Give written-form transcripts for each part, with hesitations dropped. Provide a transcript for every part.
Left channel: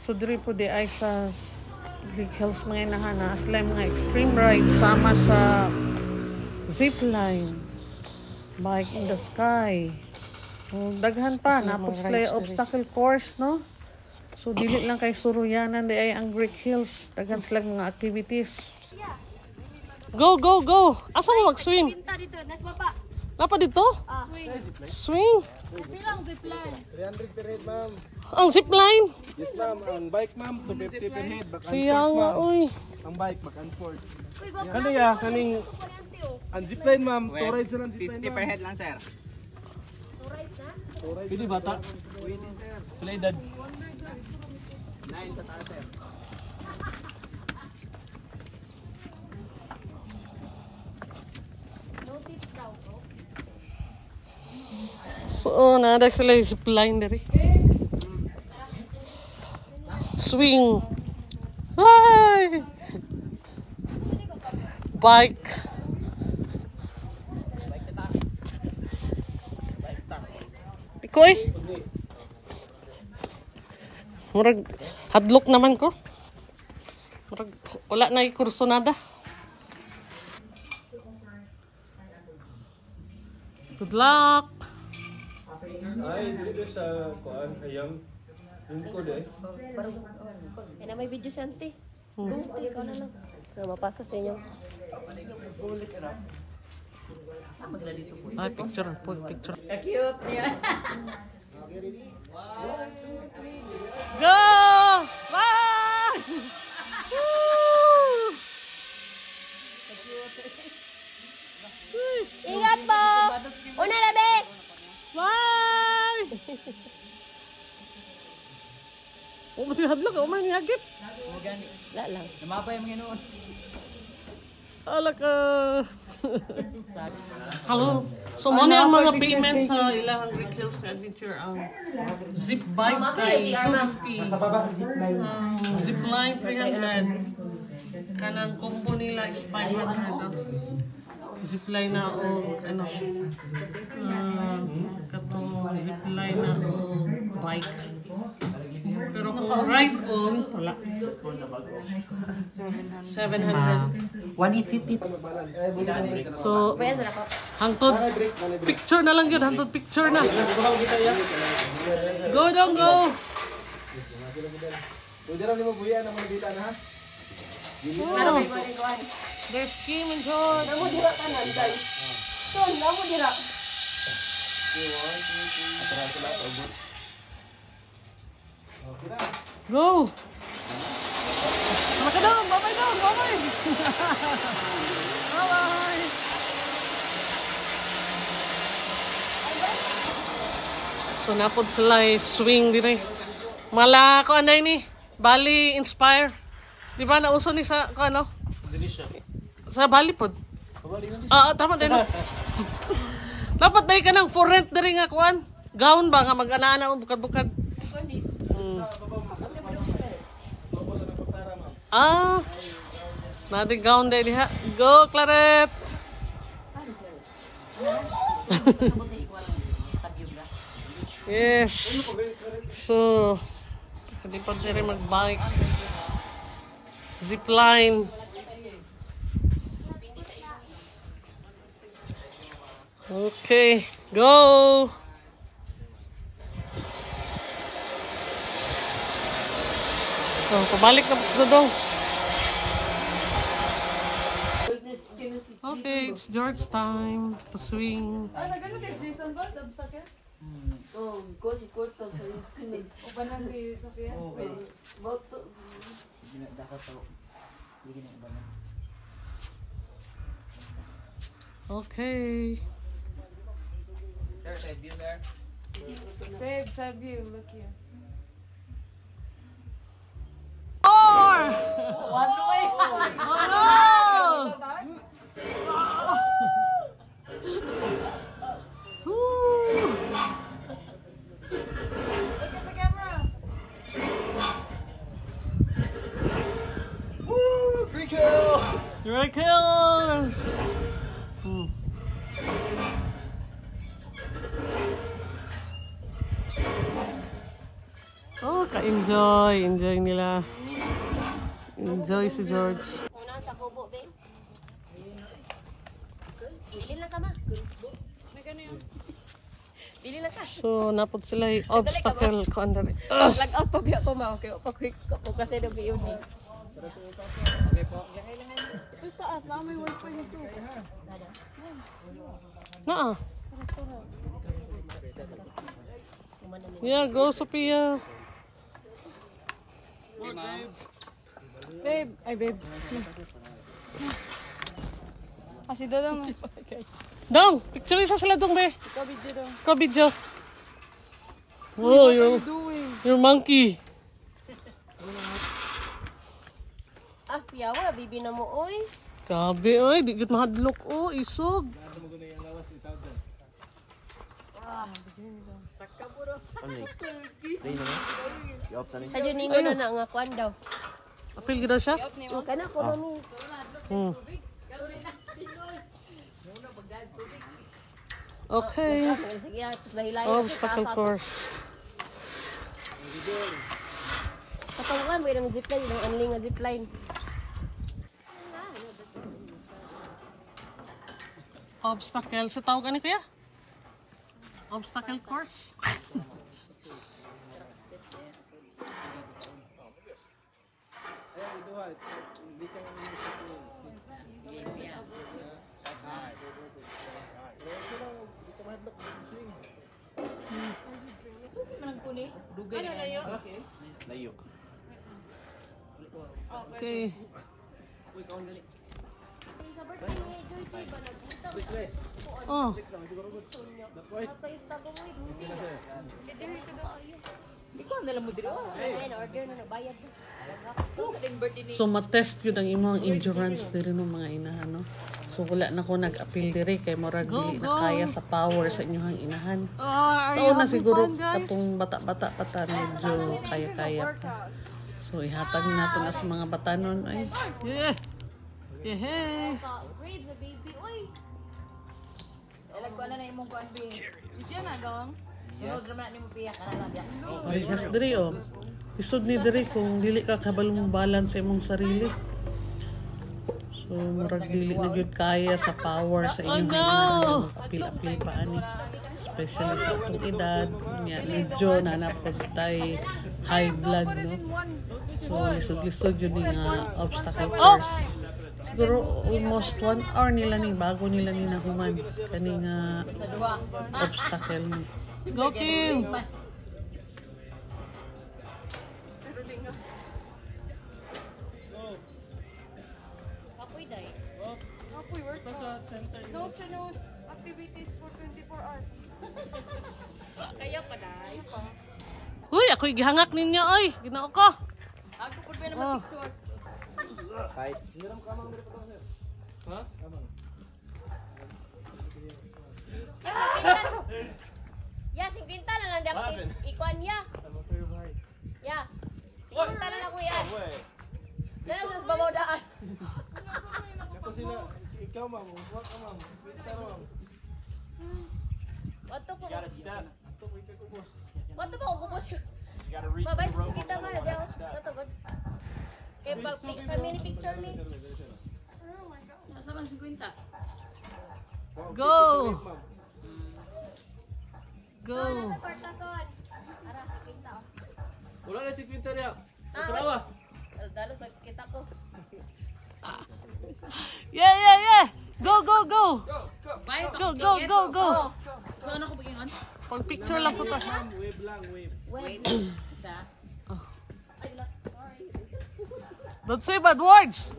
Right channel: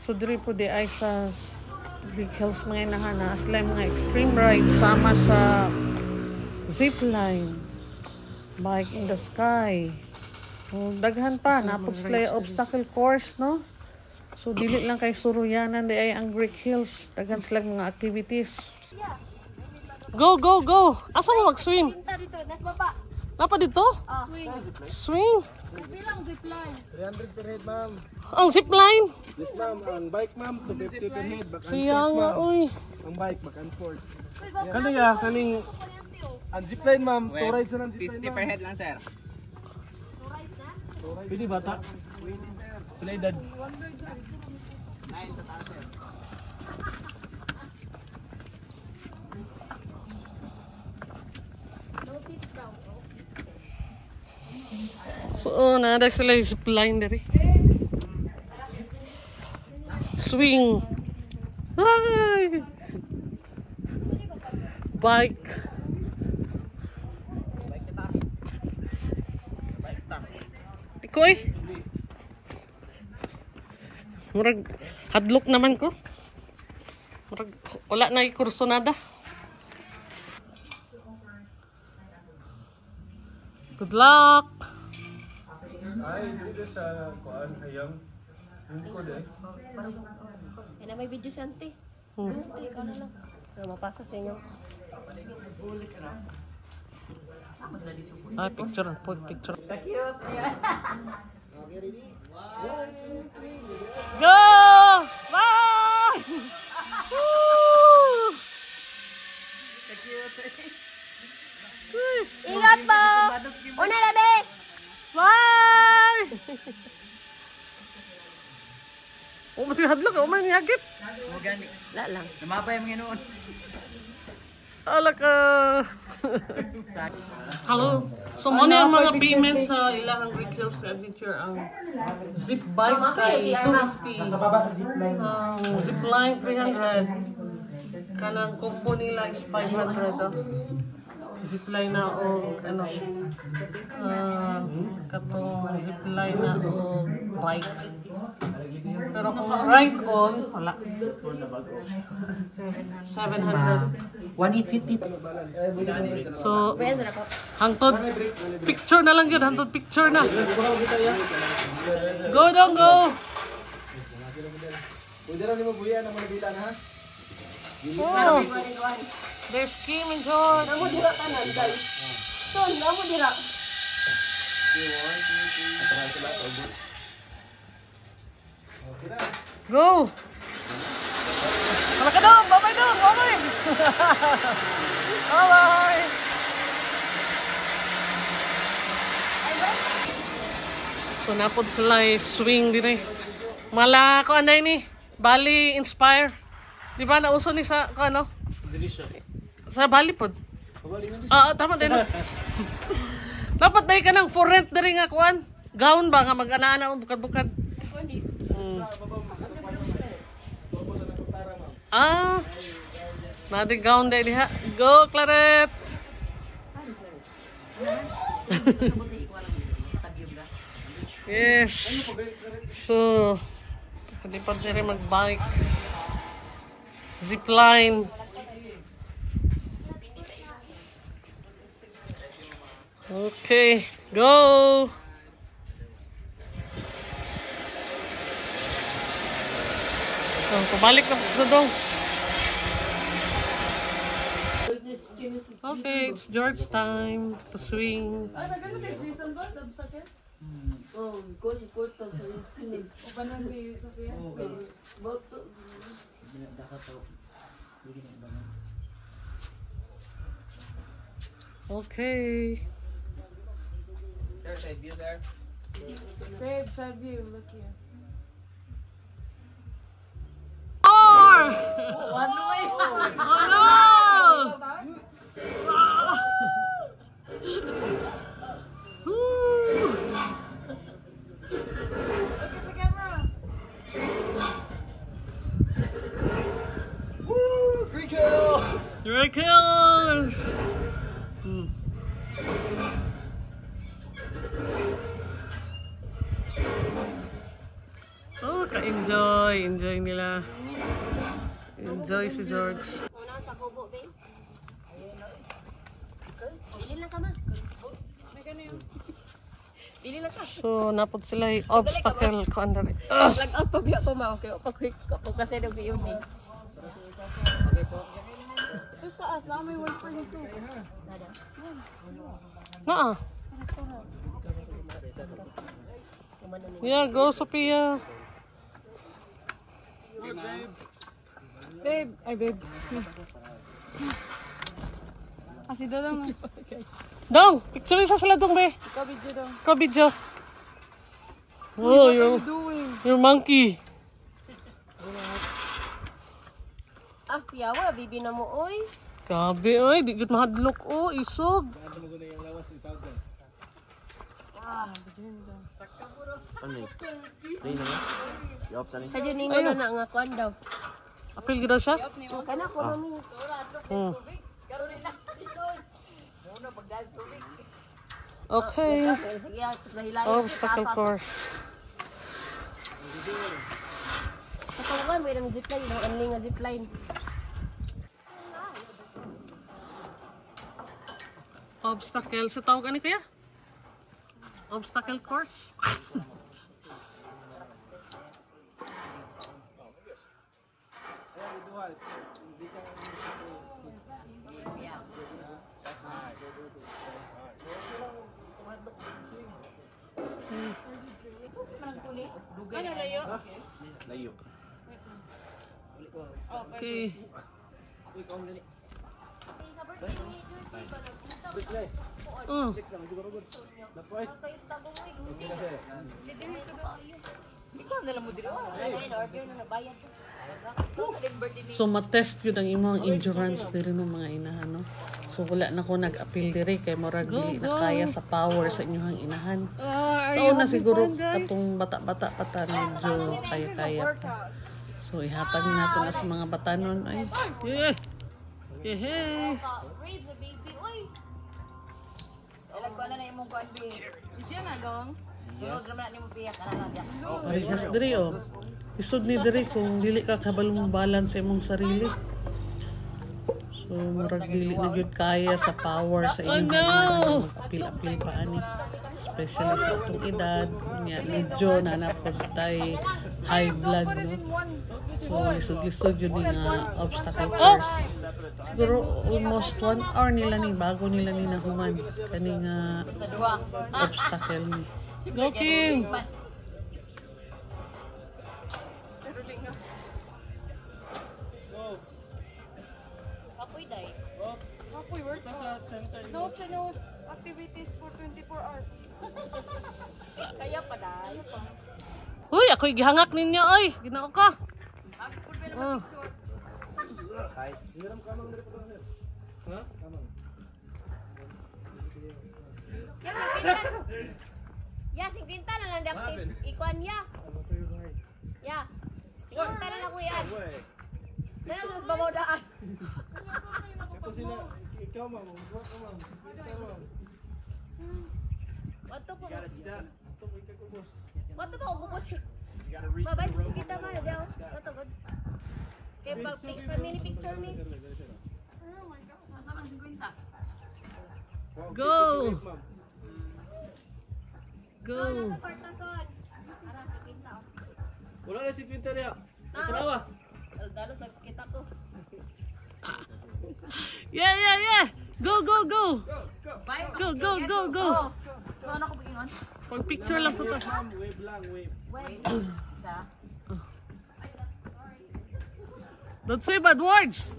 So diri po di ay sa Greek Hills mga inahana sila mga extreme ride sama sa zipline, bike in the sky. So, daghan pa napot sila obstacle course, no? So dili lang kay suruyanan di ay ang Greek Hills, daghan sila mga activities. Go, go, go! Asa mo mag-swim? Pinta dito, nas baba. Napa dito? Swing. Swing? Bilang zipline. 300 per head, ma'am. Ang zipline? Yes, ma'am. Ang bike, ma'am, 250 per head. Back and Kaya forth, nga, ma'am. uy. Ang bike, back and forth. Kano ya? Kaning... Ang zipline, ma'am. 2 rides na lang zipline, 50 per head lang, sir. Pwede bata? Pila edad? 9 total, sir. So, nada sila yung zipline dari. Swing. Ay! Bike. Ikoy? Murag hadlok naman ko. Murag wala na kurso nada. Good luck. Na may video santi. Ikaw na lang. Mapasa sa inyo. Ay, picture. Picture. Cute niya. Go! Bye! Woo! Ingat po! Una na, be! Bye! O, masih hadlok. O, may niyagit. Magani. Wala lang. Namapay ang Panginoon. Ala ka. Hello. So, muna ang mga payments sa ilahang Greek Hills Adventure. Ang zip bike kay 250. Ang zipline 300. Kanang combo nila is 500. Zipline na o ano. Katong zipline na o bike. Pero kung ride on, wala. 700. 1,850. So, hangtod picture na lang yun. Hangtod picture na. Go, don't go. Pwede rin mo buya ng mga dita na, ha? Oh, there's Kim and George. Namo dira tanan, guys. So, namo dira. Go. Wala ka dong. Bye-bye dong. Bye-bye. Bye-bye. So, napod sila swing din eh. Mala ko ano ni Bali Inspire. Di ba nauso ni sa ko ano? Sa Bali pod. Tama din. Dapat dai ka nang for rent diri nga kuan. Gown ba nga mag-ana bukad-bukad. Nadi gown dai diha. Go Claret. Yes. So, pwede pa rin mag-bike. Zipline. Okay, go! Oh, pabalik na po sa dodong. Okay, it's George time to swing. Okay. Sir, side view, sir. Side view, look here. Oh no! Miracles! Oh, ka-enjoy. enjoy nila. Enjoy si George. Una sa kubo, babe. Pili lang ka ma. Pili lang ka. So, napod sila yung obstacle ko under. Lag out pa biya ko ma. Okay, pag-quick ko kasi na biyon din. Gusto as na may wifi nito. Nada. Naa. Yeah, go Sophia. Babe, ay babe. Asi dodong. Dong, picture isa sila dong be. Ikaw video dong. Ikaw video. Oh, Doing. your monkey. Ah, yawa, bibi na mo oy. Grabe oy, di gud mahadlok oh, isog. Sa dyan ninyo na nga kuan daw. Apil gid daw siya? Kana ko mami. Hmm. Okay. Sige, dahilan. Obstacle course. Sa nga may nang zipline, nang anling nga zipline. Obstacle. Sa tawag ani kuya? Obstacle course. Okay. Oh. So matest yun ang imong endurance diri no mga inahan no. So wala na ko nag-appeal diri kay murag dili na kaya sa power sa inyong inahan. Sa una siguro katong bata-bata pa ta medyo kaya-kaya pa. So ihatag nato na sa mga batanon ay. Hey. Siya na gawang. Parehas diri oh. Isod ni diri kung dili ka kabalong balance sa imong sarili. So murag dili na gyud kaya sa power sa inyong inahan mag-apil-apil pa ani. Especially sa atong edad, nya medyo nanap pag tay high blood no. So lisod-lisod yun nga obstacle course. Siguro almost 1 hour nila ni bago nila ni nahuman kani nga obstacle ni. Go Kim! Apoy work. No strenuous activities for 24 hours. Kaya pa dai. Uy, ako'y gihangak ninyo oy. Ginoo ko. Ako pud na Oh. picture. Ya, 50 na lang dapat ikuan ya. Ya. Ikuan na lang kuya. Kaya mo babawdaan. Ito sila, ikaw ma'am, huwag ka ma'am. Pero ma'am, Wato ko. Step. ito ko ikakubos. Wato ko ubos. You gotta reach Babay the rope on kita the man other daw. one. Step. Wato good. Kay pag mini picture ni. Go! Go! Wala na si Quinta niya. Natalawa. Dalo sa kita ko. Yeah, yeah, yeah! Go, go, go! Go, go, go, go! So ano ko pagingon? Pag picture lang sa taas. Ma'am, wave lang, wave. Wait. Isa. Don't say bad words!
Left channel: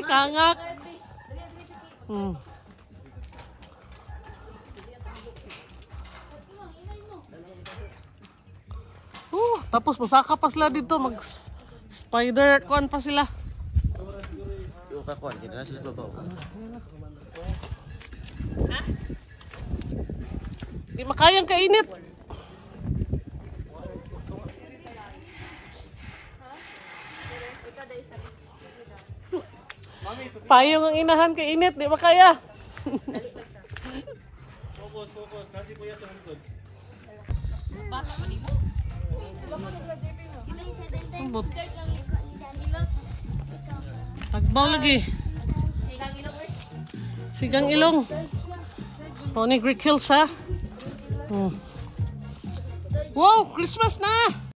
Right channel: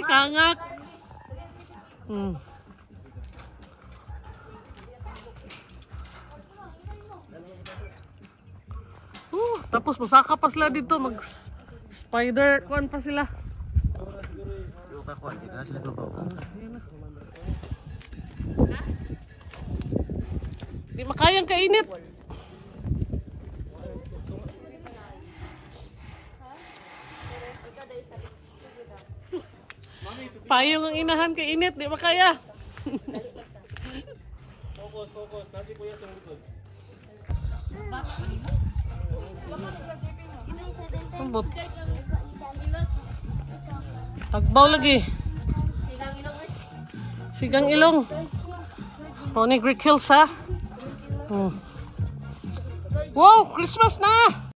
Kangak! Hmm. Tapos masaka pa sila dito, mag spider kuan pa sila. Di makayang kainit. Payong ang inahan kay init, di makaya. Kasi kuya sa likod. Ambot. Agbaw lagi. Sigang ilong eh. Sigang ilong. O, ni Greek Hills ha. Wow, Christmas na!